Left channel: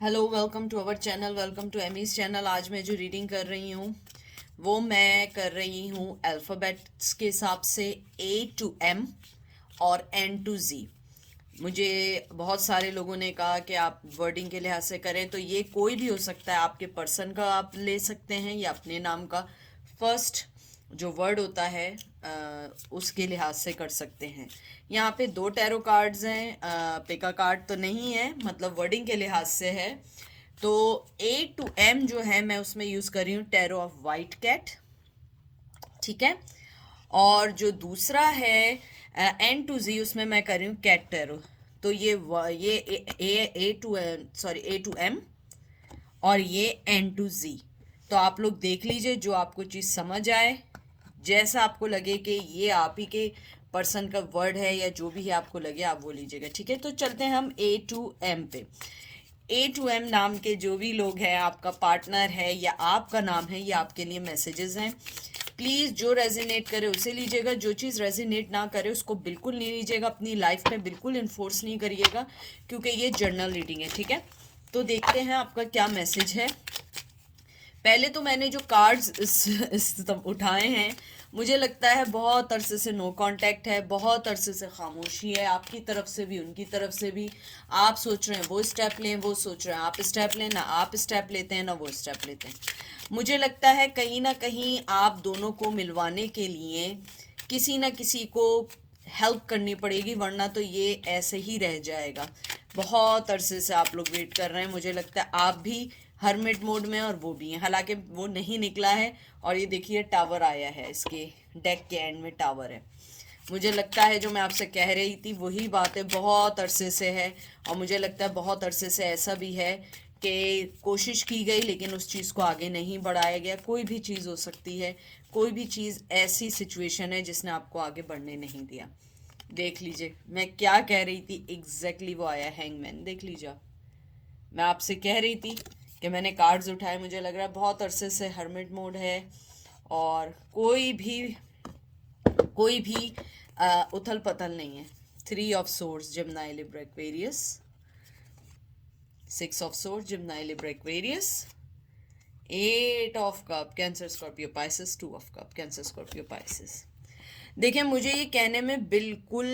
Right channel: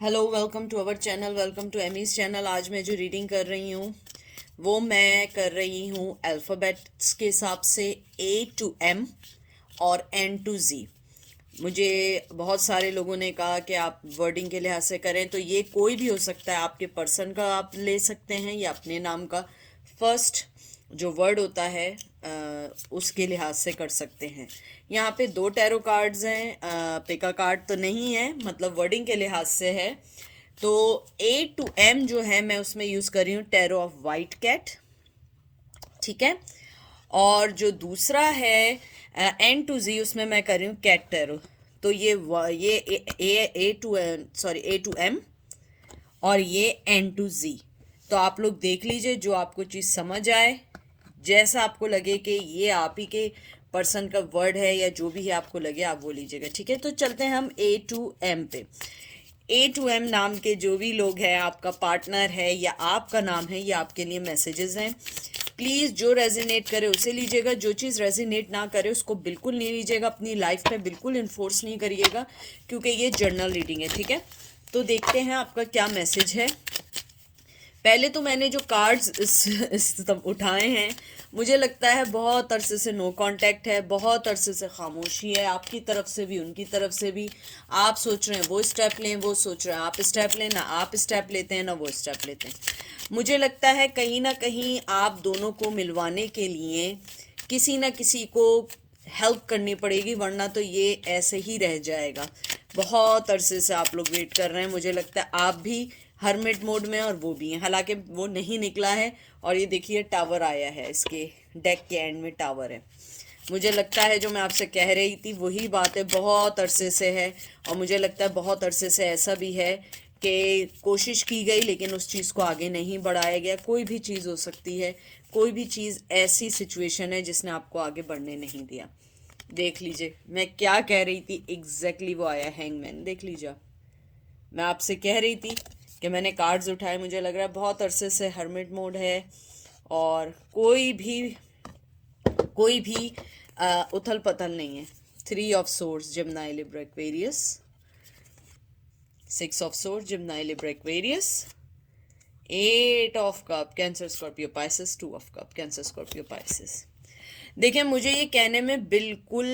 Hello, welcome to our channel, welcome to Amy's channel. आज मैं जो रीडिंग कर रही हूँ वो मैं कर रही हूँ अल्फ़ाबेट्स के हिसाब से, A to M और N to Z। मुझे बहुत सारे लोगों ने कहा कि आप वर्डिंग के लिहाज से करें, तो ये कोई भी हो सकता है। आपके पर्सन का आप ले सकते हैं या अपने नाम का फर्स्ट जो वर्ड होता है उसके लिहाज से कर सकते हैं। यहाँ पे दो टैरो कार्ड्स हैं, पिका कार्ड तो नहीं है, मतलब वर्डिंग के लिहाज से है। तो A to M जो है मैं उसमें यूज़ कर रही हूँ टैरो ऑफ वाइट कैट, ठीक है। और जो दूसरा है N to Z, उसमें मैं कर रही हूँ कैट टैरो। तो ये A to M और ये N to Z। तो आप लोग देख लीजिए, जो आपको चीज़ समझ आए, जैसा आपको लगे कि ये आप ही के पर्सन का वर्ड है या जो भी है आपको लगे आप वो लीजिएगा, ठीक है। तो चलते हैं हम A to M पे। A to M नाम के जो भी लोग हैं, आपका पार्टनर है या आपका नाम है, ये आपके लिए मैसेजेस हैं। प्लीज़ जो रेजिनेट करे उसे लीजिएगा, जो चीज़ रेजिनेट ना करे उसको बिल्कुल नहीं लीजिएगा, अपनी लाइफ में बिल्कुल इन्फोर्स नहीं करिएगा, क्योंकि ये जर्नल रीडिंग है, ठीक है। तो देखते हैं आपका क्या मैसेज है। पहले तो मैंने जो कार्ड्स उठाए हैं, मुझे लगता है बहुत अरसे से नो कांटेक्ट है, बहुत अरसे से खामोशी है, आपकी तरफ से भी उनकी तरफ से भी। आप सोच रहे हैं वो स्टेप लें, वो सोच रहे हैं आप स्टेप लें, ना आप स्टेप लेते हैं ना वो स्टेप लेते हैं। मुझे लगता है कहीं ना कहीं आप दोनों को मिलवाने के लिए किसी ना किसी को हेल्प करनी पड़ेगी, वरना तो ये ऐसे ही रह जाएगा। बहुत अरसे से आप लोग वेट कर रहे हैं, मुझे लगता है आप भी हरमिट मोड में और वो भी हैं, हालांकि वो नहीं निकला है। और ये देखिए टावर आया है, इसके डेक के एंड में टावर है। मुझे लगता है जो मैं आपसे कह रही थी वही बात है, बहुत अरसे से है। और मुझे लगता है बहुत अरसे से ऐसा भी है कि कोशिश की गई लेकिन उस चीज़ को आगे नहीं बढ़ाया गया। कोई भी चीज़ हो सकती है, कोई भी चीज़ ऐसी सिचुएशन है जिसने आपको आगे बढ़ने नहीं दिया। देख लीजिए मैं क्या कह रही थी, एग्जैक्टली वो आया हैंगमैन, देख लीजिए। मैं आपसे कह रही थी कि मैंने कार्ड्स उठाए, मुझे लग रहा है बहुत अरसे से हर्मिट मोड है और कोई भी उथल पथल नहीं है। 3 of Swords Gemini Libra Aquarius, 6 of Swords Gemini Libra Aquarius, 8 of Cup Cancer Scorpio Pisces, 2 of Cup Cancer Scorpio Pisces. देखिए मुझे ये कहने में बिल्कुल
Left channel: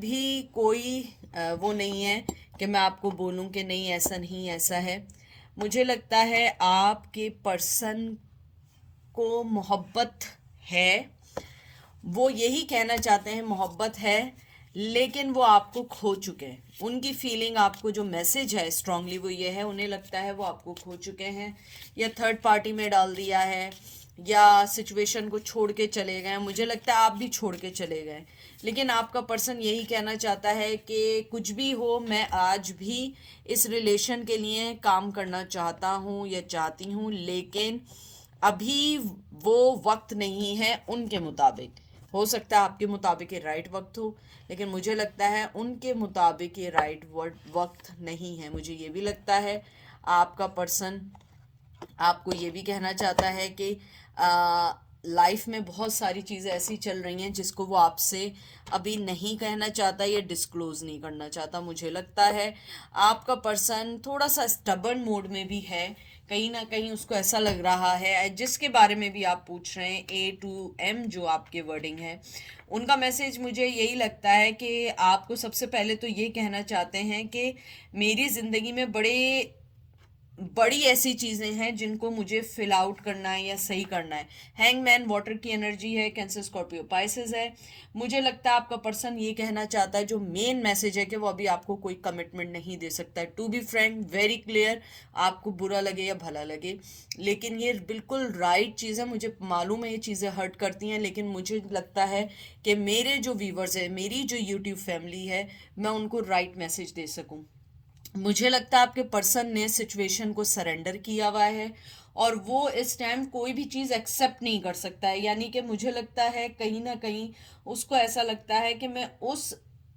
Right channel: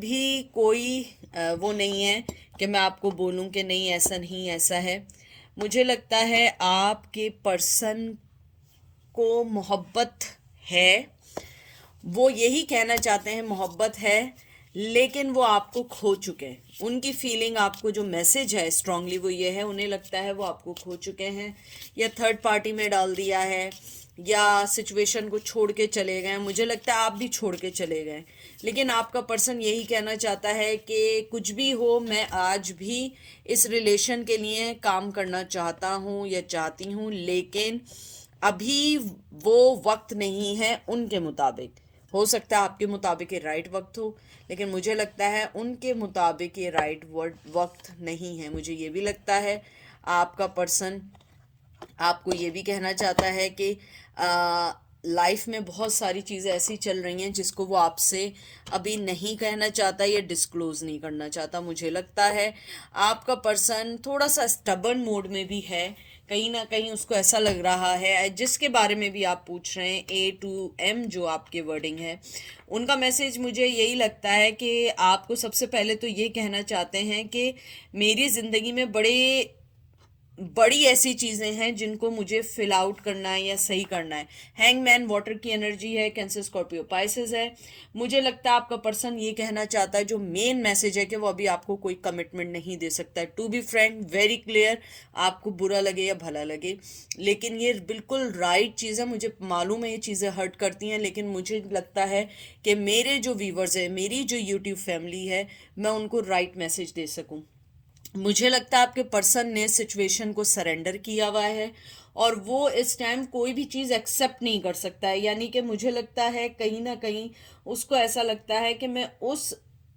भी कोई वो नहीं है कि मैं आपको बोलूं कि नहीं ऐसा नहीं ऐसा है। मुझे लगता है आपके पर्सन को मोहब्बत है, वो यही कहना चाहते हैं मोहब्बत है, लेकिन वो आपको खो चुके हैं। उनकी फीलिंग, आपको जो मैसेज है स्ट्रांगली वो ये है, उन्हें लगता है वो आपको खो चुके हैं या थर्ड पार्टी में डाल दिया है या सिचुएशन को छोड़ के चले गए। मुझे लगता है आप भी छोड़ के चले गए, लेकिन आपका पर्सन यही कहना चाहता है कि कुछ भी हो, मैं आज भी इस रिलेशन के लिए काम करना चाहता हूँ या चाहती हूँ, लेकिन अभी वो वक्त नहीं है उनके मुताबिक। हो सकता है आपके मुताबिक ये राइट वक्त हो, लेकिन मुझे लगता है उनके मुताबिक ये राइट वक्त नहीं है। मुझे ये भी लगता है आपका पर्सन आपको ये भी कहना चाहता है कि लाइफ में बहुत सारी चीज़ें ऐसी चल रही हैं जिसको वो आपसे अभी नहीं कहना चाहता या डिस्क्लोज नहीं करना चाहता। मुझे लगता है आपका पर्सन थोड़ा सा स्टबर्न मोड में भी है, कहीं ना कहीं उसको ऐसा लग रहा है, जिसके बारे में भी आप पूछ रहे हैं A to M जो आपके वर्डिंग है, उनका मैसेज मुझे यही लगता है कि आपको सबसे पहले तो ये कहना चाहते हैं कि मेरी ज़िंदगी में बड़ी ऐसी चीज़ें हैं जिनको मुझे फिल आउट करना है या सही करना है। हैंगमैन वाटर की एनर्जी है, कैंसर स्कॉर्पियो पाइसेस है। मुझे लगता है आपका पर्सन ये कहना चाहता है, जो मेन मैसेज है, कि वो अभी आपको कोई कमिटमेंट नहीं दे सकता है। To be friend, very clear, आपको बुरा लगे या भला लगे, लेकिन ये बिल्कुल राइट चीज़ है। मुझे मालूम है ये चीज़ें हर्ट करती हैं, लेकिन मुझे लगता है कि मेरे जो व्यूवर्स हैं, मेरी जो यूट्यूब फैमिली है, मैं उनको राइट मैसेज दे सकूँ। मुझे लगता है आपके पर्सन ने सिचुएशन को सरेंडर किया हुआ है और वो इस टाइम कोई भी चीज़ एक्सेप्ट नहीं कर सकता है। यानी कि मुझे लगता है कहीं ना कहीं उसको ऐसा लगता है कि मैं उस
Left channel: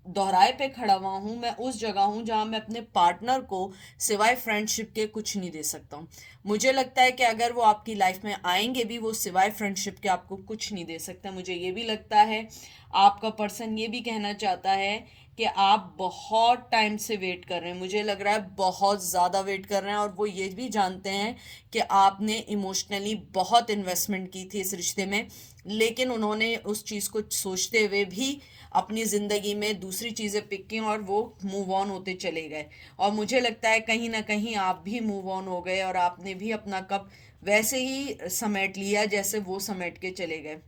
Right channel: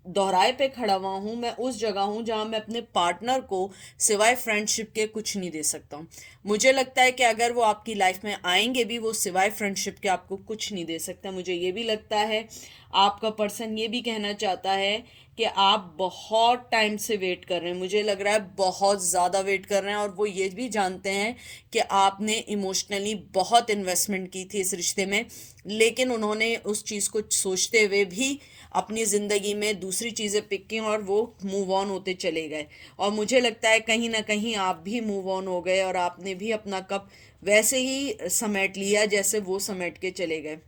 दोहराए पे खड़ा हुआ हूँ, मैं उस जगह हूँ जहाँ मैं अपने पार्टनर को सिवाय फ्रेंडशिप के कुछ नहीं दे सकता हूँ। मुझे लगता है कि अगर वो आपकी लाइफ में आएंगे भी, वो सिवाय फ्रेंडशिप के आपको कुछ नहीं दे सकता। मुझे ये भी लगता है आपका पर्सन ये भी कहना चाहता है कि आप बहुत टाइम से वेट कर रहे हैं, मुझे लग रहा है बहुत ज़्यादा वेट कर रहे हैं, और वो ये भी जानते हैं कि आपने इमोशनली बहुत इन्वेस्टमेंट की थी इस रिश्ते में, लेकिन उन्होंने उस चीज़ को सोचते हुए भी अपनी ज़िंदगी में दूसरी चीज़ें पिक की और वो मूव ऑन होते चले गए। और मुझे लगता है कहीं ना कहीं आप भी मूव ऑन हो गए और आपने भी अपना कप वैसे ही समेट लिया जैसे वो समेट के चले गए।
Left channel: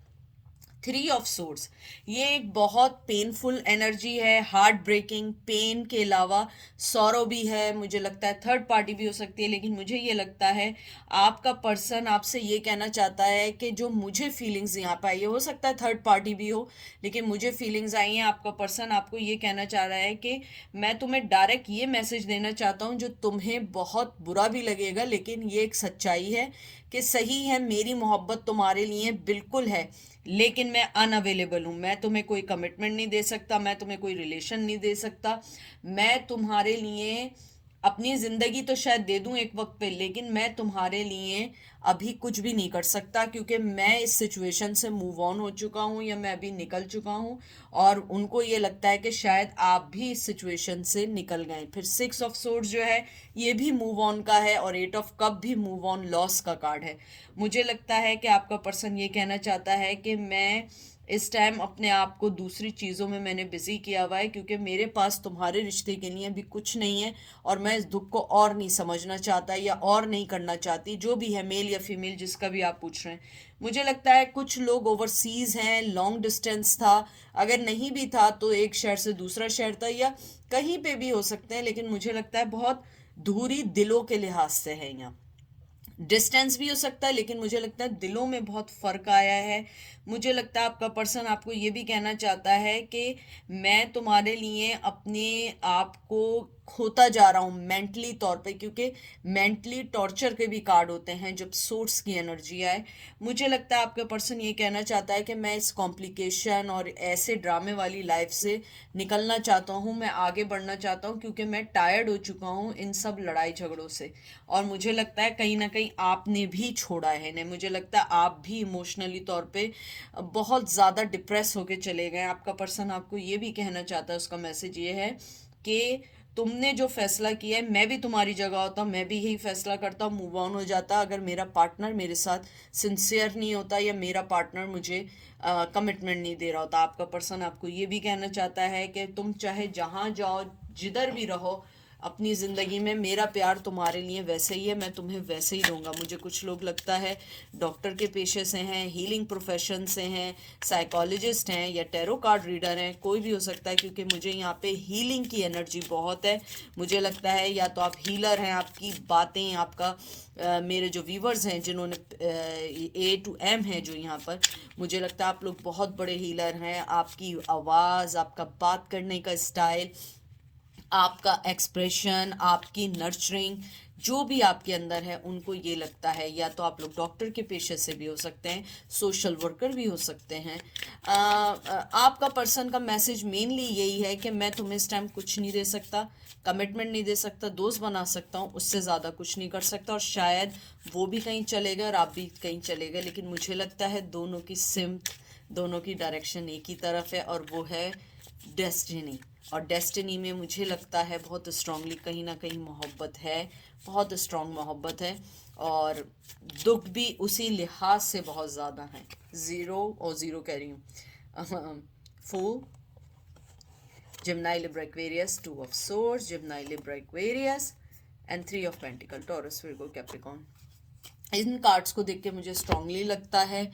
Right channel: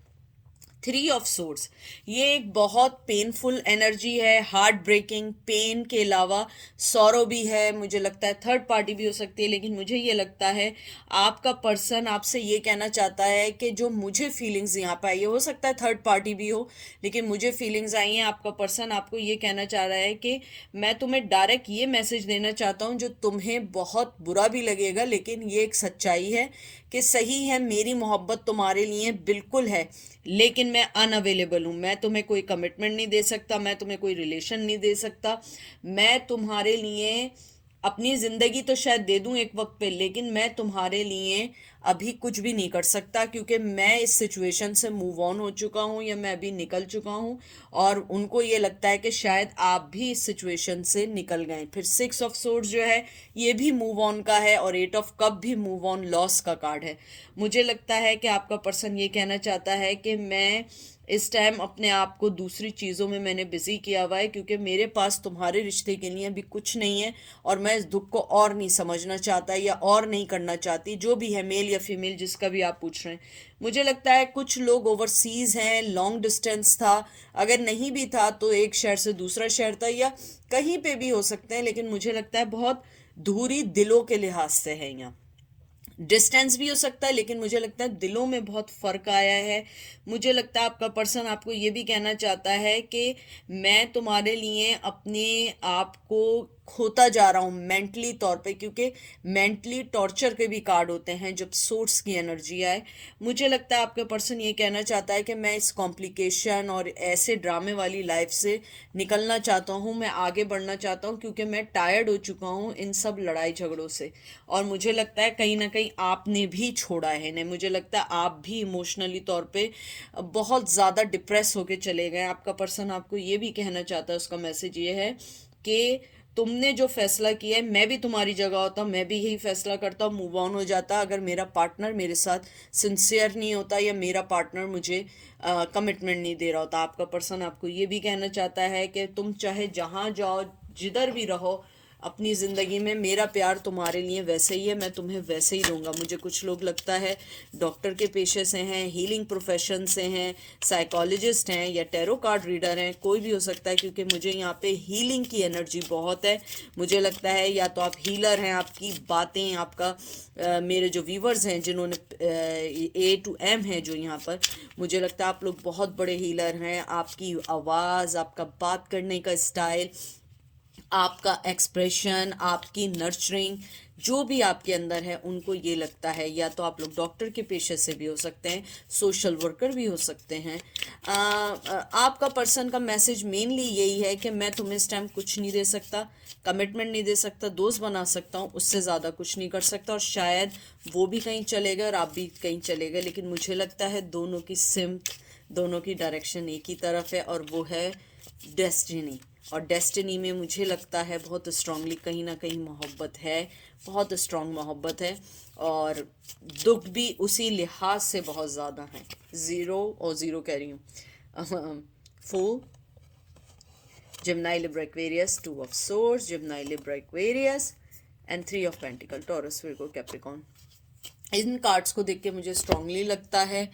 थ्री ऑफ सोर्ड्स, ये एक बहुत पेनफुल एनर्जी है, हार्ट ब्रेकिंग, पेन के अलावा सौरो भी है, मुझे लगता है थर्ड पार्टी भी हो सकती है, लेकिन मुझे ये लगता है आपका पर्सन आपसे ये कहना चाहता है कि जो मुझे फीलिंग्स यहाँ पे आई है, हो सकता है थर्ड पार्टी भी हो, लेकिन मुझे फीलिंग्स आई हैं, आपका पर्सन आपको ये कहना चाह रहा है कि मैं तुम्हें डायरेक्ट ये मैसेज देना चाहता हूँ जो तुम्हें बहुत बुरा भी लगेगा, लेकिन ये एक सच्चाई है कि सही है, मेरी मोहब्बत तुम्हारे लिए बिल्कुल है, लेकिन मैं अनअवेलेबल हूँ, मैं तुम्हें कोई कमिटमेंट नहीं दे सकता, मैं तुम्हें कोई रिलेशन नहीं दे सकता, मैं तुम्हारे लिए अपनी ज़िंदगी तो शायद दे दूँ एक वक्त पे, लेकिन मैं तुम्हारे लिए अभी कुछ भी नहीं कर सकता, क्योंकि मैं इस सिचुएशन से मूव ऑन हो चुका हूँ या मैं अभी निकल चुका हूँ। और उनको ये लगता है कि शायद आप भी इस सिचुएशन से निकल गए। फिर सिक्स ऑफ सोर्ड्स जो है ये भी मूव ऑन का है, और एट ऑफ कप भी मूव ऑन लॉस का कार्ड है। मुझे लगता है कि आपका पर्सन ये कहना चाहता है कि मैं इस टाइम अपने आप को दूसरी चीज़ों में मैंने बिजी किया हुआ है, क्योंकि मेरे पास तुम्हारे रिश्ते के लिए भी कुछ नहीं है, और मैं इस दुख को और नहीं समझना चाहता या और नहीं करना चाहती, जो भी है, मेल या फीमेल जिसका भी आप पूछ रहे हैं। मुझे लगता है कुछ लोग ओवरसीज हैं, लॉन्ग डिस्टेंस था, अगर नहीं भी था तो एक शहर से दूसरा शहर था, या कहीं पे भी हो सकते हैं, लेकिन मुझे लगता है बहुत दूरी दिलों के लिहाज से है यहाँ। डिस्टेंस भी हो सकता है, लेकिन मुझे लगता है दिलों में बहुत फ़र्क आया है। मुझे लगता है आपका पर्सन आपको ये भी कहना चाहता है कि मैं तुम्हारे लिए अपने आप को खोता जा रहा हूँ मेंटली तौर पे, क्योंकि मेंटली टॉर्चर के भी कार्ड होते हैं जब सोर्स की एनर्जी आए। मुझे लगता है आपका पर्सन ये कहना चाहता है कि मैं इस कॉम्प्लिकेशन और ऐसे ड्रामे वाली लाइफ से निकलना चाहता हूँ, मैं आगे बढ़ना चाहता हूँ, क्योंकि मैं टायर्ड हो चुका हूँ इन सब लड़ाई झगड़ों से। और मुझे लगता है कहीं ना कहीं आपने भी छोड़ा है इन्हें, मुझे लगता है आप भी इमोशनली तौर पे बहुत ज़्यादा डिप्रेस होके चले गए। आपका पर्सन आपको ये भी कहना चाहता है, उसका मैसेज ये है कि तुमने जो फैसला किया है, मैं भी तुम्हारी जगह होता हूँ, मैं भी यही फैसला करता हूँ, मूव ऑन हो जाता अगर मेरा पार्टनर मेरे साथ सिंसियर नहीं होता, या मेरा पार्टनर मुझे कमिटमेंट नहीं दे रहा होता। आपका पर्सन आपको ये भी कहना चाहता है कि तुम चाहे जहाँ जाओ, जिधर भी रहो अपनी ज़िंदगी में, मेरा प्यार तुम्हारे लिए वैसे ही है, मैं तुम्हें वैसे ही दूंगा। मुझे कुछ लोग लगता है डॉक्टर के पेशे से हैं, हीलिंग प्रोफेशन से हैं, साइकोलॉजिस्ट हैं, या टैरो कार्ड रीडर हैं, कोई भी हो सकता है, क्योंकि मुझे यहाँ पे हीलिंग की एनर्जी बहुत है। मुझे लगता है या तो आप हीलर हैं, आपकी बातें, आपका मेरे जो व्यूवर्स हैं जिन्होंने A to M है जो यहाँ पर, मुझे लगता है आप लोग बहुत बड़े हीलर हैं। आपकी आवाज़, आपका बात करने का स्टाइल, आपका एक्सप्रेशन, आपकी नर्चरिंग, जो भी आपके अंदर है, उनको ये लगता है, या तो आप लोग डॉक्टर के पेशे से भी हो सकते हैं, सोशल वर्कर भी हो सकते हैं। आपका पर्सन का मैसेज मेनली यही है कि मैं तुम्हें इस टाइम कुछ नहीं दे सकता, कमिटमेंट नहीं दे सकता, दोस्त बना सकता हूँ, उससे ज़्यादा कुछ नहीं कर सकता, और शायद वो भी कहीं चले गए और आप भी कहीं चले गए, लेकिन मुझे लगता है दोनों की सिमत, दोनों की डायरेक्शन एक ही तरफ है, और वो है डेस्टिनी। और डेस्टिनी में मुझे लगता है बहुत स्ट्रांगली कहीं ना कहीं मोहब्बत है, बहुत स्ट्रांग मोहब्बत है, और दुख भी उसी लिहाज से बहुत ज़्यादा है। ज़ीरो और ज़ीरो कह रही हूँ, full, Gemini, Libra, Aquarius, Two of Swords, Gemini, Libra, Aquarius, and Three of Pentacles, Taurus, Virgo, Capricorn। In cards को देख के मुझे स्ट्रांगली लगता है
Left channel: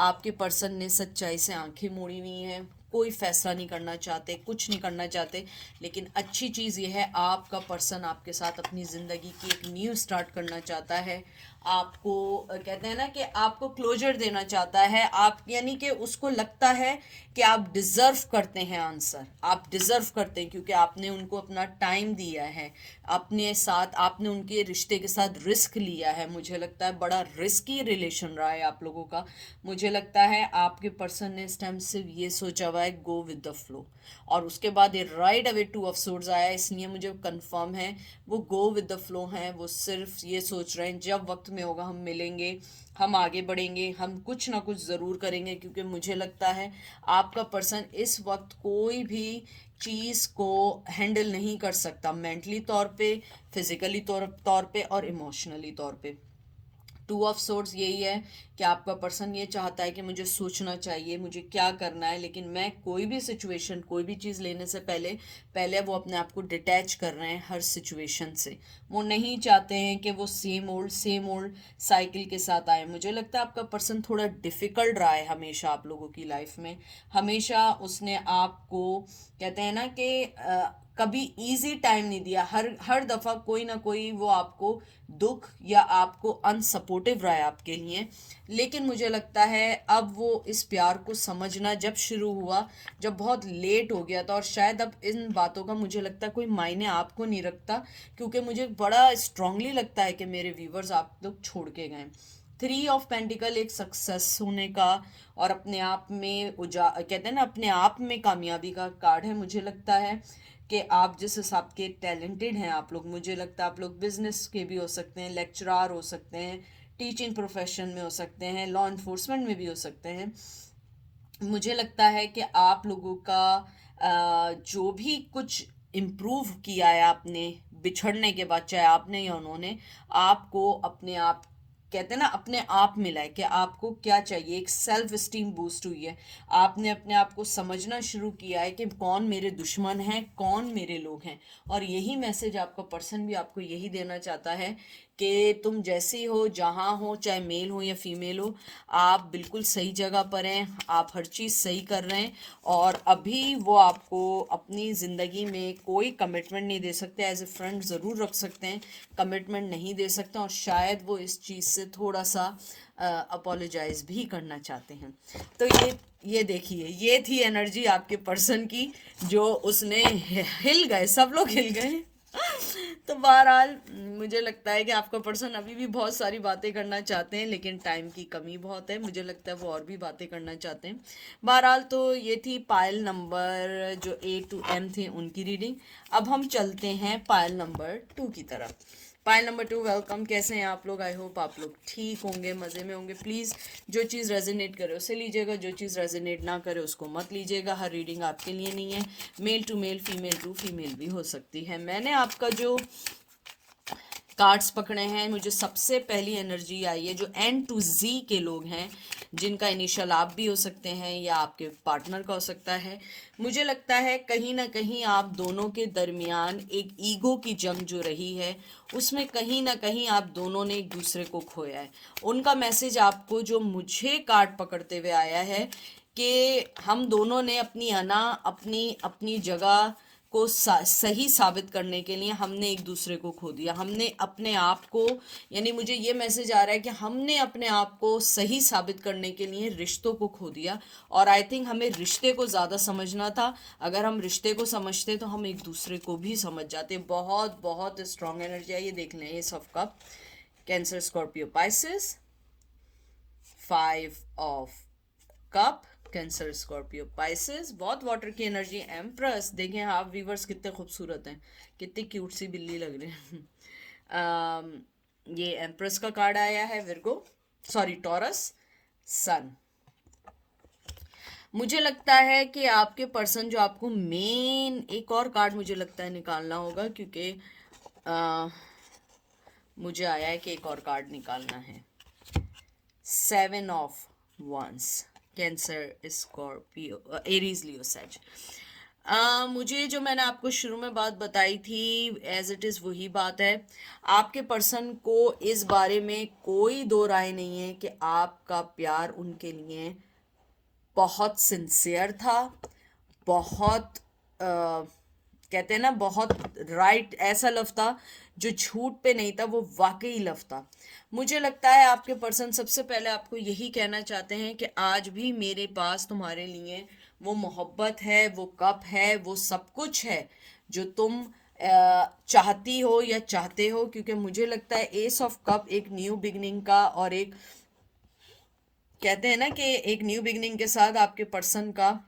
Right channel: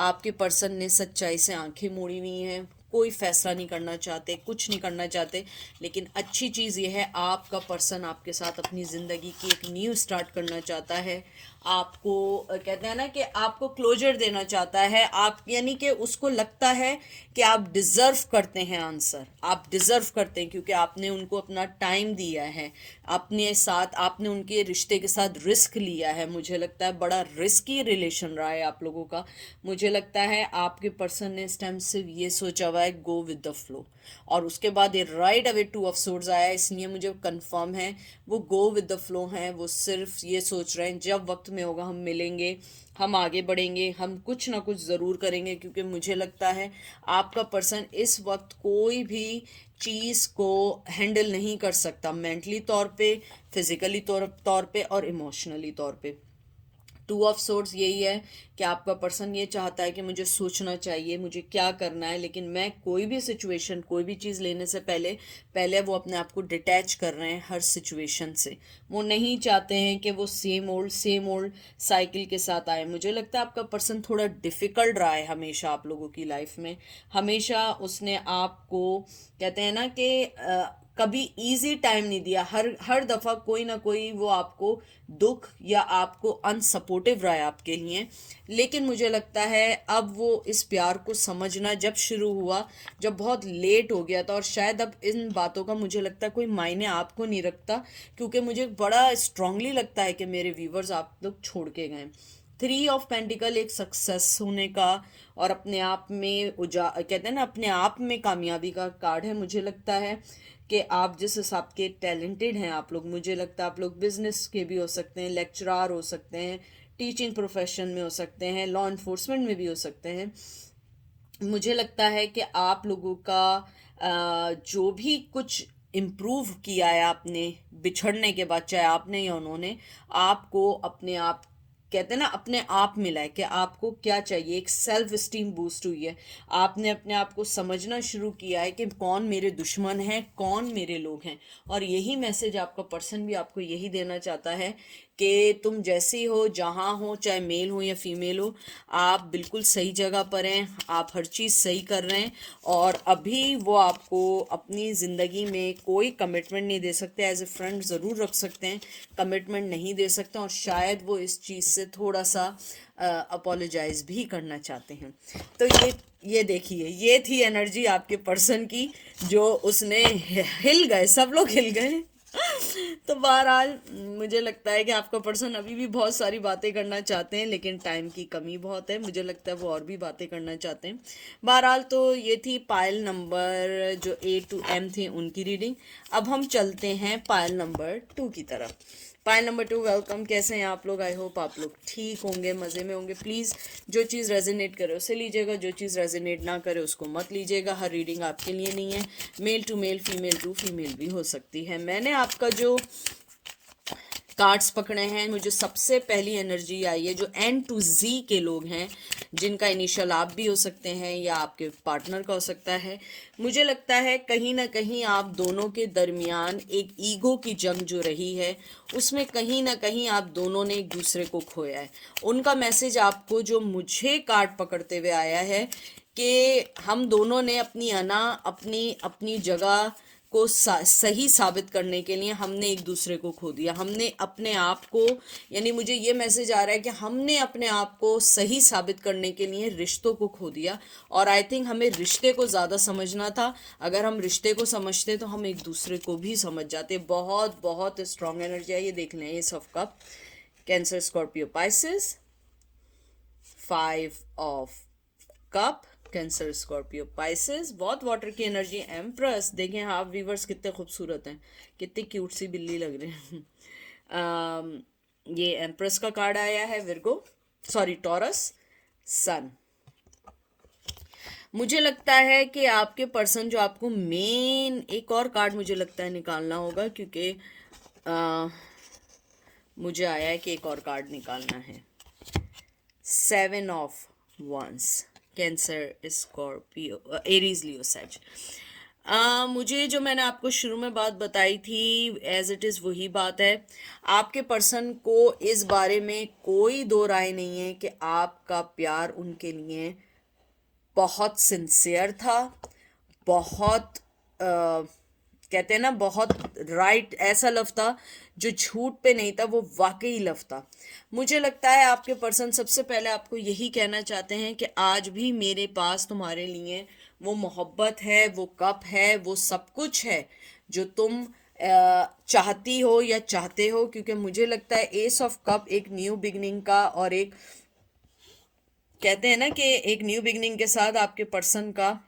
आपके पर्सन ने सच्चाई से आंखें मोड़ी हुई हैं, कोई फैसला नहीं करना चाहते, कुछ नहीं करना चाहते, लेकिन अच्छी चीज़ ये है आपका पर्सन आपके साथ अपनी ज़िंदगी की एक न्यू स्टार्ट करना चाहता है। आपको कहते हैं ना कि आपको क्लोजर देना चाहता है, आप यानी कि उसको लगता है कि आप डिज़र्व करते हैं आंसर, आप डिज़र्व करते हैं, क्योंकि आपने उनको अपना टाइम दिया है, अपने साथ आपने उनके रिश्ते के साथ रिस्क लिया है। मुझे लगता है बड़ा रिस्की रिलेशन रहा है आप लोगों का। मुझे लगता है आपके पर्सन ने इस टाइम सिर्फ ये सोचा हुआ है गो विद द फ्लो, और उसके बाद ये right away two of swords आया, इसलिए मुझे कंफर्म है वो गो विद द फ्लो हैं। वो सिर्फ ये सोच रहे हैं जब वक्त में होगा हम मिलेंगे, हम आगे बढ़ेंगे, हम कुछ ना कुछ ज़रूर करेंगे, क्योंकि मुझे लगता है आपका पर्सन इस वक्त कोई भी चीज़ को हैंडल नहीं कर सकता, मेंटली तौर पे, फिजिकली तौर पे और इमोशनली तौर पे। टू ऑफ सोर्ड्स यही है कि आपका पर्सन ये चाहता है कि मुझे सोचना चाहिए मुझे क्या करना है, लेकिन मैं कोई भी सिचुएशन, कोई भी चीज़ लेने से पहले पहले वो अपने आप को डिटैच कर रहे हैं हर सिचुएशन से। वो नहीं चाहते हैं कि वो सेम ओल्ड साइकिल के साथ आए। मुझे लगता है आपका पर्सन थोड़ा डिफ़िकल्ट रहा है हमेशा आप लोगों की लाइफ में। हमेशा उसने आपको, कहते हैं ना कि कभी इजी टाइम नहीं दिया। हर हर दफ़ा कोई ना कोई वो आपको दुख या आपको अनसपोर्टिव रहा है आपके लिए। लेकिन मुझे लगता है अब वो इस प्यार को समझना जब शुरू हुआ, जब बहुत लेट हो गया था, और शायद अब इन बातों का मुझे लगता है कोई मायने आपको नहीं रखता, क्योंकि मुझे बड़ा स्ट्रांगली लगता है कि मेरे व्यूवर्स आप लोग छोड़ के गए। थ्री ऑफ पेंटिकल एक सक्सेस होने का और अपने आप में कहते हैं ना अपने आप में कामयाबी का कार्ड है। मुझे लगता है कि आप जिस हिसाब के टैलेंटेड हैं आप लोग, मुझे लगता है आप लोग बिजनेस के भी हो सकते हैं, लेक्चरार हो सकते हैं, टीचिंग प्रोफेशन में हो सकते हैं, लॉ इन्फोर्समेंट में भी हो सकते हैं। मुझे लगता है कि आप लोगों का जो भी कुछ इम्प्रूव किया है आपने बिछड़ने के बाद, चाहे आपने या उन्होंने, आपको अपने आप, कहते हैं ना अपने आप मिला है कि आपको क्या चाहिए। एक सेल्फ स्टीम बूस्ट हुई है। आपने अपने आप को समझना शुरू किया है कि कौन मेरे दुश्मन हैं, कौन मेरे लोग हैं। और यही मैसेज आपका पर्सन भी आपको यही देना चाहता है कि तुम जैसी हो, जहाँ हो, चाहे मेल हो या फीमेल हो, आप बिल्कुल सही जगह पर हैं, आप हर चीज़ सही कर रहे हैं। और अभी वो आपको अपनी ज़िंदगी में कोई कमिटमेंट नहीं दे सकते, एज ए फ्रेंड ज़रूर रख सकते हैं, कमिटमेंट नहीं दे सकते। और शायद वो इस चीज़ से थोड़ा सा अपोलोजाइज भी करना चाहते हैं। तो ये देखिए, ये थी एनर्जी आपके पर्सन की, जो उसने हिल गए, सब लोग हिल गए। तो बहरहाल मुझे लगता है कि आपका पर्सन अभी भी बहुत सारी बातें करना चाहते हैं, लेकिन टाइम की कमी बहुत है। मुझे लगता है वो और भी बातें करना चाहते हैं। बहरहाल तो ये थी पायल नंबर जो A to M थे उनकी रीडिंग। अब हम चलते हैं पायल नंबर 2 की तरफ। Pile number 2, welcome. कैसे हैं आप लोग? आई होप आप लोग ठीक होंगे, मज़े में होंगे। प्लीज़ जो चीज़ रेजोनेट करे उसे लीजिएगा, जो चीज़ रेजोनेट ना करे उसको मत लीजिएगा। हर रीडिंग आपके लिए नहीं है, male to male, female to female भी हो सकती है। मैंने आपका जो कार्ड्स पकड़े हैं, मुझे सबसे पहली एनर्जी आई है जो N to Z के लोग हैं, जिनका इनिशियल आप भी हो सकते हैं या आपके पार्टनर का हो सकता है। मुझे लगता है कहीं ना कहीं आप दोनों के दरमियान एक ईगो की जंग जो रही है, उसमें कहीं ना कहीं आप दोनों ने एक दूसरे को खोया है। उनका मैसेज आपको जो मुझे कार्ड पकड़ते हुए आया है कि हम दोनों ने अपनी अपनी अपनी जगह को सही साबित करने के लिए हमने एक दूसरे को खो दिया। हमने अपने आप को, यानी मुझे ये मैसेज आ रहा है कि हमने अपने आप को सही साबित करने के लिए रिश्तों को खो दिया। और आई थिंक हमें रिश्ते को ज़्यादा समझना था। अगर हम रिश्ते को समझते तो हम एक दूसरे को भी समझ जाते। बहुत बहुत स्ट्रॉन्ग एनर्जी है ये, देख लें। S of cup, cancer, Scorpio, Pisces. 5 of cup, cancer, Scorpio, Pisces. बहुत वाटर की एनर्जी। एम्प्रेस, देखें आप व्यूवर्स कितने खूबसूरत हैं, कितनी क्यूट सी बिल्ली लग रही है। ये एम्प्रेस का कार्ड आया है। विर्गो, सॉरी, टॉरस, सन। मुझे लगता है कि आपके पर्सन जो आपको मेन, एक और कार्ड मुझे लगता है निकालना होगा, क्योंकि मुझे आया है कि एक और कार्ड निकालना है। 7 of wands, Cancer, Scorpio, Aries, Leo, सैज। मुझे जो मैंने आपको शुरू में बात बताई थी एज इट इज़ वही बात है। आपके पर्सन को इस बारे में कोई दो राय नहीं है कि आपका प्यार उनके लिए बहुत सिंसियर था, बहुत कहते हैं ना, बहुत राइट, ऐसा लव था जो झूठ पे नहीं था, वो वाकई लव था। मुझे लगता है आपके पर्सन सबसे पहले आपको यही कहना चाहते हैं कि आज भी मेरे पास तुम्हारे लिए वो मोहब्बत है, वो कप है, वो सब कुछ है जो तुम चाहती हो या चाहते हो। क्योंकि मुझे लगता है एस ऑफ कप एक न्यू बिगनिंग का, और एक कहते हैं ना कि एक न्यू बिगनिंग के साथ आपके पर्सन का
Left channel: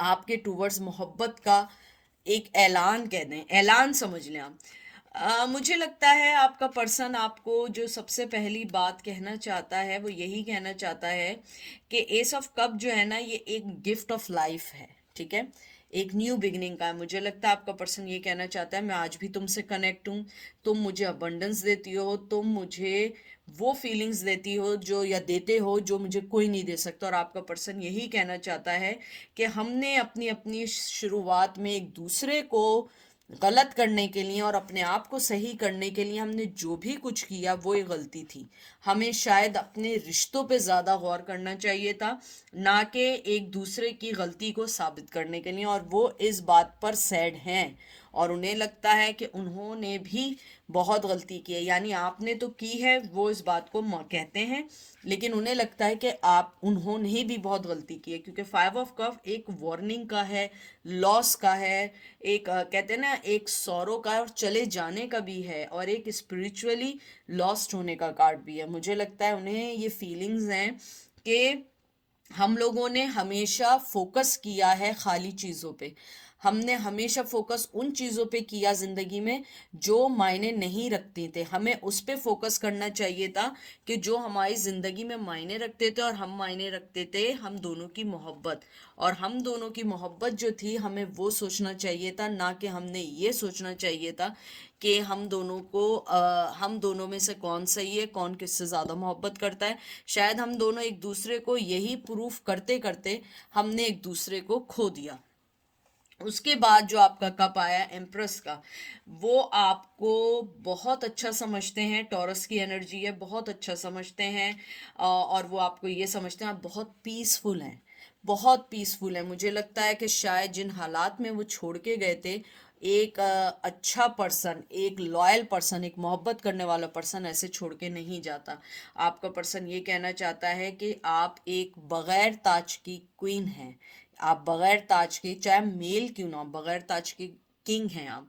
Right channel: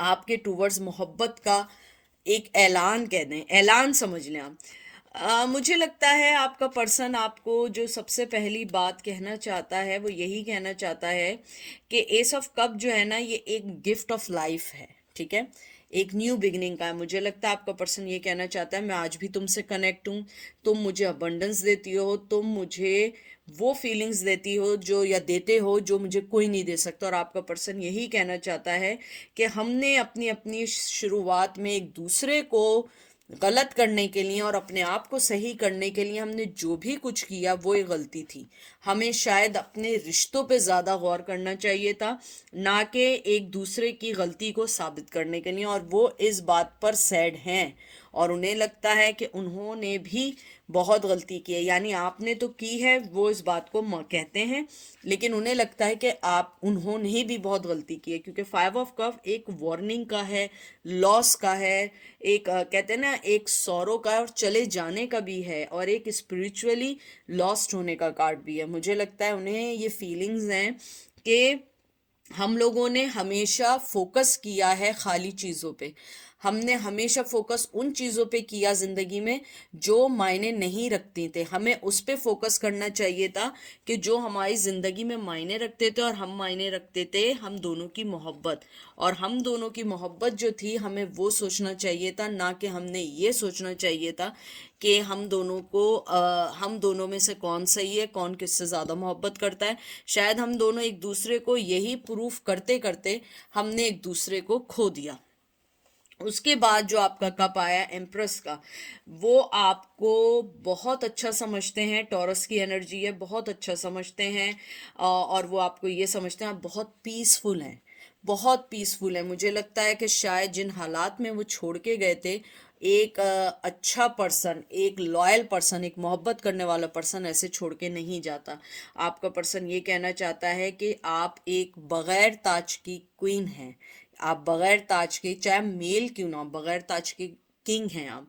आपके टूवर्ड्स मोहब्बत का एक ऐलान, कह दें, ऐलान समझ लें आप। मुझे लगता है आपका पर्सन आपको जो सबसे पहली बात कहना चाहता है वो यही कहना चाहता है कि एस ऑफ कप जो है ना, ये एक गिफ्ट ऑफ लाइफ है। ठीक है, एक न्यू बिगिनिंग का है। मुझे लगता है आपका पर्सन ये कहना चाहता है मैं आज भी तुमसे कनेक्ट हूँ, तुम मुझे अबंडेंस देती हो, तुम मुझे वो फीलिंग्स देती हो जो या देते हो जो मुझे कोई नहीं दे सकता। और आपका पर्सन यही कहना चाहता है कि हमने अपनी अपनी शुरुआत में एक दूसरे को गलत करने के लिए और अपने आप को सही करने के लिए हमने जो भी कुछ किया वो एक गलती थी। हमें शायद अपने रिश्तों पे ज़्यादा गौर करना चाहिए था, ना कि एक दूसरे की गलती को साबित करने के लिए। और वो इस बात पर सैड हैं और उन्हें लगता है कि उन्होंने भी बहुत गलती की है। यानी आपने तो की है, वो इस बात को कहते हैं, लेकिन उन्हें लगता है कि आप उन्होंने भी बहुत गलती की है, क्योंकि 5 ऑफ कप एक वार्निंग का है, लॉस का है, एक कहते हैं ना एक सौरों का और चले जाने का भी है, और एक स्पिरिचुअली लॉस्ट होने का कार्ड भी है। मुझे लगता है उन्हें ये फीलिंग्स हैं कि हम लोगों ने हमेशा फोकस किया है खाली चीज़ों पे। हमने हमेशा फोकस उन चीज़ों पे किया ज़िंदगी में जो मायने नहीं रखती थे। हमें उस पे फोकस करना चाहिए था कि जो हमारी ज़िंदगी में मायने रखते थे, और हम मायने रखते थे हम दोनों की मोहब्बत। और हम दोनों की मोहब्बत जो थी हमें वो सोचना चाहिए था, ना कि हमने ये सोचना चाहिए था कि हम दोनों में से कौन सही है, कौन किससे ज़्यादा मोहब्बत करता है। शायद हम दोनों एक दूसरे को यही प्रूफ करते करते हमने एक दूसरे को खो दिया। उसके बाद जो आपका कप आया एम्प्रेस का, वो आपको बहुत अच्छा समझते हैं, टॉरस की एनर्जी है, बहुत अच्छा समझते हैं। और वो आपको ये समझते हैं आप बहुत पीसफुल हैं, बहुत पीसफुल है। मुझे लगता है कि शायद जिन हालात में वो छोड़ के गए थे, एक अच्छा पर्सन, एक लॉयल पर्सन, एक मोहब्बत करने वाला पर्सन ऐसे छोड़ के नहीं जाता। आपका पर्सन ये कहना चाहता है कि आप एक बगैर ताज की क्वीन हैं, आप बगैर ताज के, चाहे मेल क्यों ना हो, बगैर ताज के किंग हैं आप।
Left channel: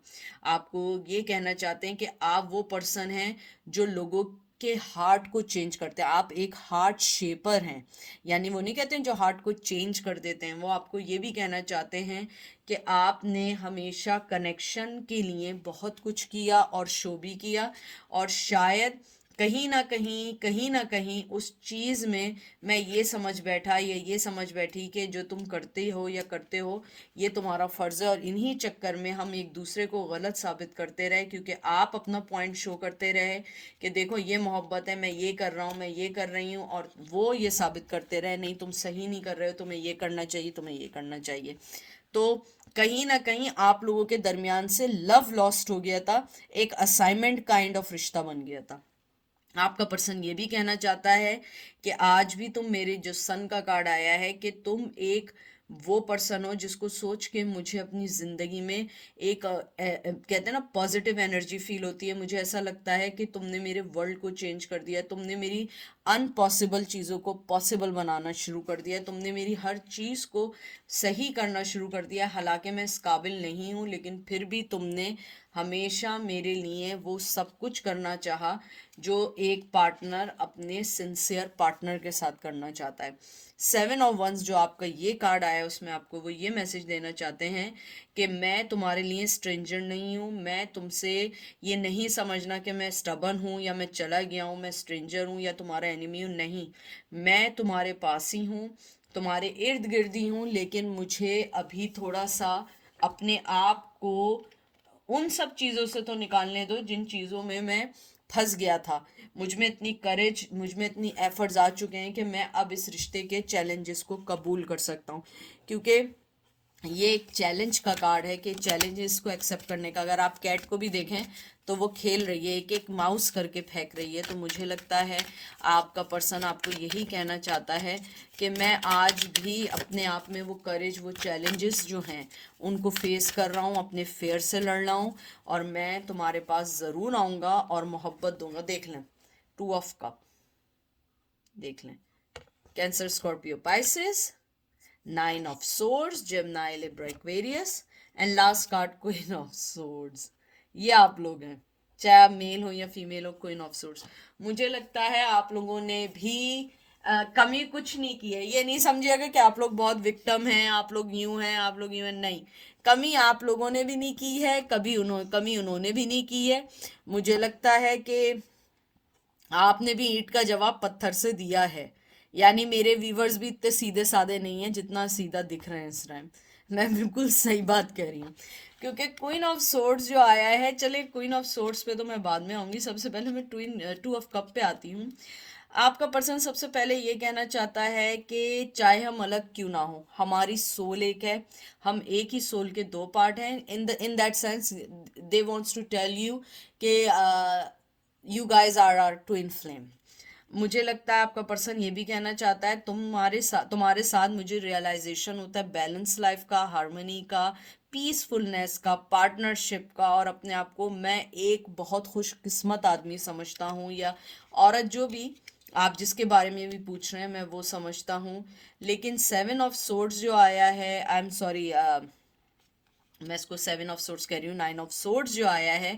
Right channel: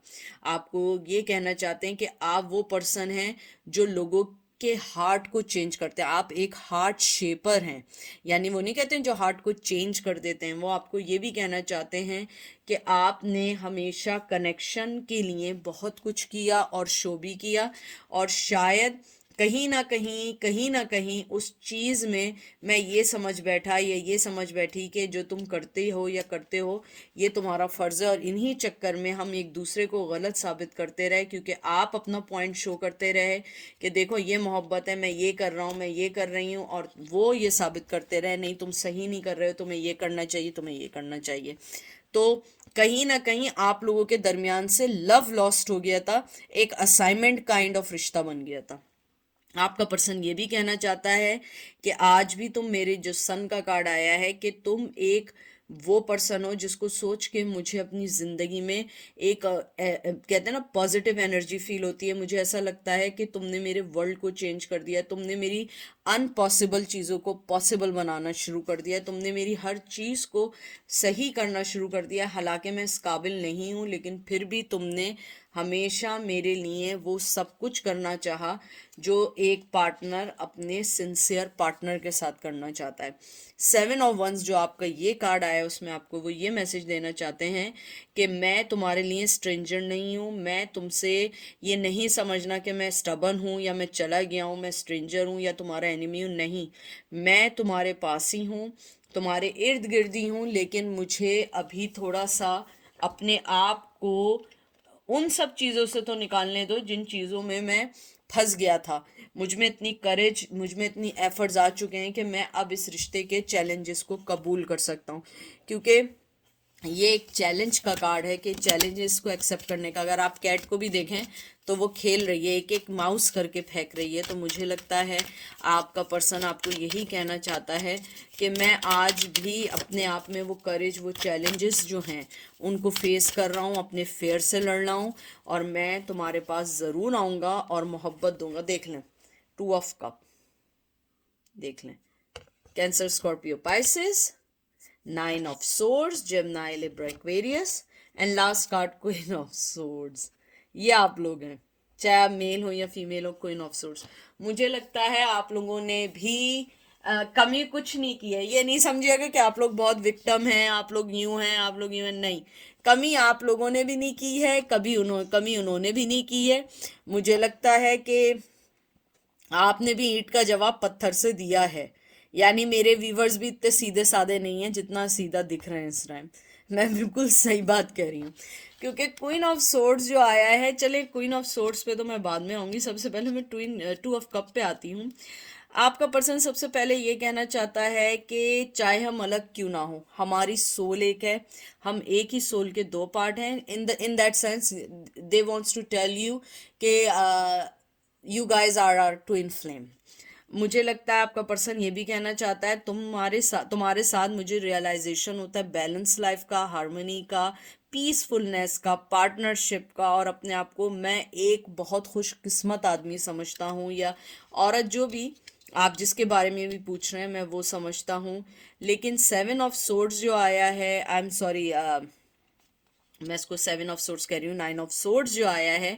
आपको ये कहना चाहते हैं कि आप वो पर्सन हैं जो लोगों के हार्ट को चेंज करते हैं। आप एक हार्ट शेपर हैं, यानी वो नहीं कहते हैं जो हार्ट को चेंज कर देते हैं, वो आपको ये भी कहना चाहते हैं कि आपने हमेशा कनेक्शन के लिए बहुत कुछ किया और शो भी किया। और शायद कहीं ना कहीं उस चीज़ में मैं ये समझ बैठा या ये समझ बैठी कि जो तुम करते हो या करते हो ये तुम्हारा फ़र्ज़ है, और इन्हीं चक्कर में हम एक दूसरे को गलत साबित करते रहे, क्योंकि आप अपना पॉइंट शो करते रहे कि देखो ये मोहब्बत है, मैं ये कर रहा हूँ, मैं ये कर रही हूँ, और वो ये साबित करते रहे नहीं तुम सही नहीं कर रहे हो, तुम्हें ये करना चाहिए, तुम्हें ये करना चाहिए। तो कहीं ना कहीं आप लोगों के दरमियान से लव लॉस्ट हो गया था, एक असाइनमेंट काइंड ऑफ रिश्ता बन गया था। आपका पर्सन ये भी कहना चाहता है कि आज भी तुम, मेरे जो सन का कार्ड आया है, कि तुम एक वो पर्सन हो जिसको सोच के मुझे अपनी ज़िंदगी में एक कहते हैं ना पॉजिटिव एनर्जी फील होती है। मुझे ऐसा लगता है कि तुमने मेरे वर्ल्ड को चेंज कर दिया, तुमने मेरी अनपॉसिबल चीज़ों को पॉसिबल बनाना शुरू कर दिया, तुमने मेरी हर चीज़ को सही करना शुरू कर दिया। हालांकि मैं इस काबिल नहीं हूँ, लेकिन फिर भी तुमने हमेशा मेरे लिए वो सब कुछ करना चाहा जो एक पार्टनर अपने सिंसियर पार्टनर के साथ करना चाहता है। 7 ऑफ वंस जो आपका ये कार्ड आया है, उसमें आपको वो ये मैसेज देना चाहते हैं कि मैं तुम्हारे लिए स्ट्रेंजर नहीं हूँ। मैं तुमसे ये नहीं समझना कि मैं स्टबन हूँ या मैं चला गया हूँ, मैं स्ट्रेंजर हूँ या तुम्हारा एनिमी हूँ, नहीं। मैं तुम्हारे पास ही हूँ, तुम्हारे इर्द गिर्द ही हूँ, लेकिन मुझे अभी थोड़ा सा अपने आप को उन सब चीज़ों से तो निकालने दो जिन चीज़ों में मैं फंस गया था। मुझ में इतनी करेज, मुझ में इतनी एफर्ट्स आ चुके हैं कि मैं अब इस रिश्ते के चैलेंजेस को कबूल कर सकता हूँ, क्योंकि ये एक चैलेंज का कार्ड है कि चैलेंजेस को एक्सेप्ट करने का। अगर आप कैट को भी देखें तो वो खेल रही है, एक एक माउस करके फेंक रही है। तो मुझे लगता है आपका पर्सन आपको यही कहना चाहता है कि मैं आज भी अपने आप में वो करेज, वो चैलेंजेस जो हैं उनको फेस कर रहा हूँ, अपने फेयर से लड़ रहा हूँ, और मैं तुम्हारे पास ज़रूर आऊँगा और मोहब्बत दूंगा। देख लें 2 ऑफ कप, देख लें cancer, Scorpio, Pisces, 9 of swords, Gemini, Libra, Aquarius, and last card queen of swords. ये आप लोग हैं, चाहे आप मेल हो या फीमेल हो, क्वीन ऑफ सोर्ड्स। मुझे लगता है आप लोगों ने भी कमी कुछ नहीं की है। ये नहीं समझिएगा कि आप लोग बहुत विक्टिम हैं, आप लोग यूं हैं, आप लोग यूं हैं, नहीं। कमी आप लोगों ने भी नहीं की है, कमी उन्होंने भी नहीं की है। मुझे लगता है कि आपने भी ईंट का जवाब पत्थर से दिया है। यानी मेरे व्यूवर्स भी इतने सीधे साधे नहीं हैं जितना सीधा दिख रहे हैं इस टाइम। मैं बिल्कुल सही बात कह रही हूँ, क्योंकि क्वीन ऑफ सोर्ड्स जो आया है, चले क्वीन ऑफ सोर्ड्स पे तो मैं बाद में आऊँगी, सबसे पहले मैं टू ऑफ कप पे आती हूँ। आपका पर्सन सबसे पहले ये कहना चाहता है कि चाहे हम अलग क्यों ना हो, हमारी सोल एक है, हम एक ही सोल के दो पार्ट हैं। In that sense they wants to tell you कि you guys are are twin flame. मुझे लगता है आपका पर्सन ये भी कहना चाहता है तुम्हारे साथ मुझे रियलाइजेशन होता है बैलेंस लाइफ का, हार्मनी का, पीसफुलनेस का, पार्टनरशिप का, और अपने आप को मैं एक बहुत खुशकिस्मत आदमी समझता हूँ, या औरत, जो भी आप जिसके बारे में भी पूछ रहे हैं मैं वो समझता हूँ। लेकिन 7 ऑफ सोर्ड्स जो आया है, आई एम सॉरी, मैं इसको 7 ऑफ सोर्ड्स कह रही हूँ, 9 ऑफ सोर्ड्स जो आया है,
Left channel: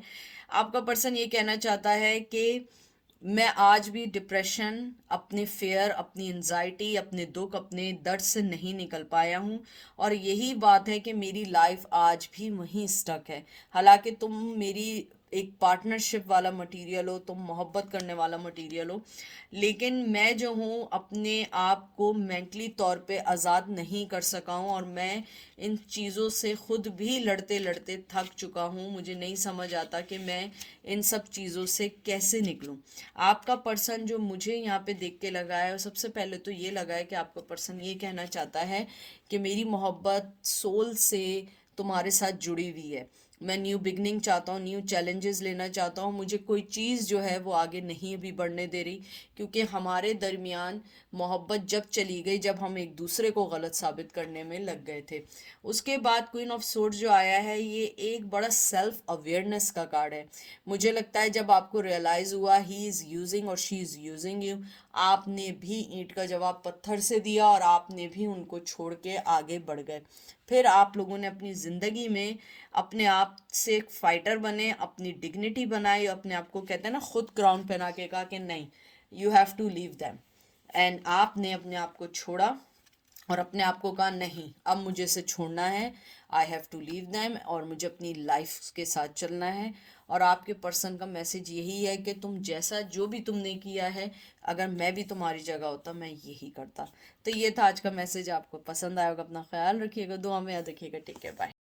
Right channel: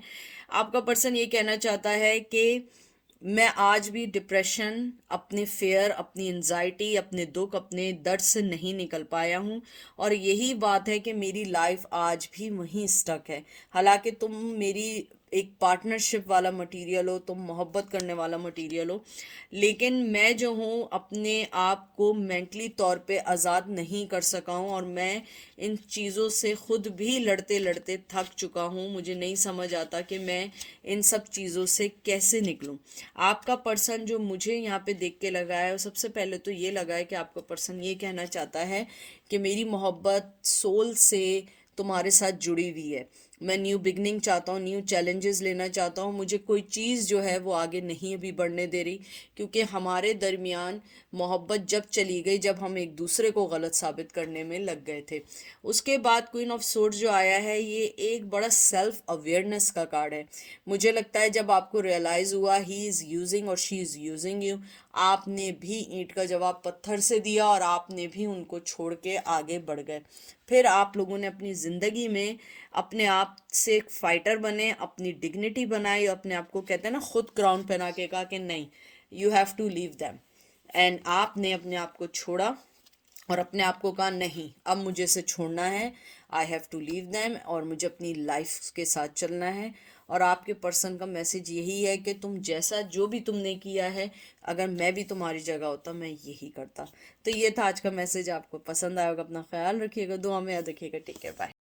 आपका पर्सन ये कहना चाहता है कि मैं आज भी डिप्रेशन, अपने फेयर, अपनी एंजाइटी, अपने दुख, अपने दर्द से नहीं निकल पाया हूँ, और यही बात है कि मेरी लाइफ आज भी वहीं स्टक है। हालांकि तुम मेरी एक पार्टनरशिप वाला मटेरियल हो, तुम मोहब्बत करने वाला मटेरियल हो, लेकिन मैं जो हूँ अपने आप को मेंटली तौर पे आज़ाद नहीं कर सका हूँ, और मैं इन चीज़ों से खुद भी लड़ते लड़ते थक चुका हूँ। मुझे नहीं समझ आता कि मैं इन सब चीज़ों से कैसे निकलूँ। आपका पर्सन जो मुझे यहाँ पे देख के लगा है, सबसे पहले तो ये लगा है कि आपका पर्सन ये कहना चाहता है कि मेरी मोहब्बत सोल से तुम्हारे साथ जुड़ी हुई है। मैं न्यू बिगनिंग चाहता हूँ, न्यू चैलेंजेस लेना चाहता हूँ। मुझे कोई चीज़ जो है वो आगे नहीं अभी बढ़ने दे रही, क्योंकि हमारे दरमियान मोहब्बत जब चली गई जब हम एक दूसरे को गलत साबित करने में लग गए थे। उसके बाद क्वीन ऑफ सोर्ड्स जो आया है, ये एक बड़ा सेल्फ अवेयरनेस का कार्ड है। मुझे लगता है जब आपको रियलाइज़ हुआ ही इज़ यूजिंग और शी इज़ यूजिंग यू, आपने भी ईंट का जवाब पत्थर से दिया और आपने भी उनको छोड़ के आगे बढ़ गए। फिर आप लोगों ने अपनी ज़िंदगी में अपने आप से एक फाइटर बने, अपनी डिग्निटी बनाई, अपने आप को कहते हैं ना खुद क्राउन पहना के कहा कि नहीं, you have to leave them, and आपने अपने आप को छोड़ा और अपने आप को कहा नहीं, अब मुझे इसे छोड़ना है, I have to leave them, और मुझे अपनी लाइफ के साथ चलना है। और आपके पर्सन का मैसेज यही है कि तुम जैसा जो भी तुमने किया है, अगर मैं भी तुम्हारी जगह होता मैं यही करता। तो ये था आज का मैसेज, आपको पसंद आएगा, अपना ख्याल रखिएगा, दुआ में याद रखिएगा, टेक केयर, बाय।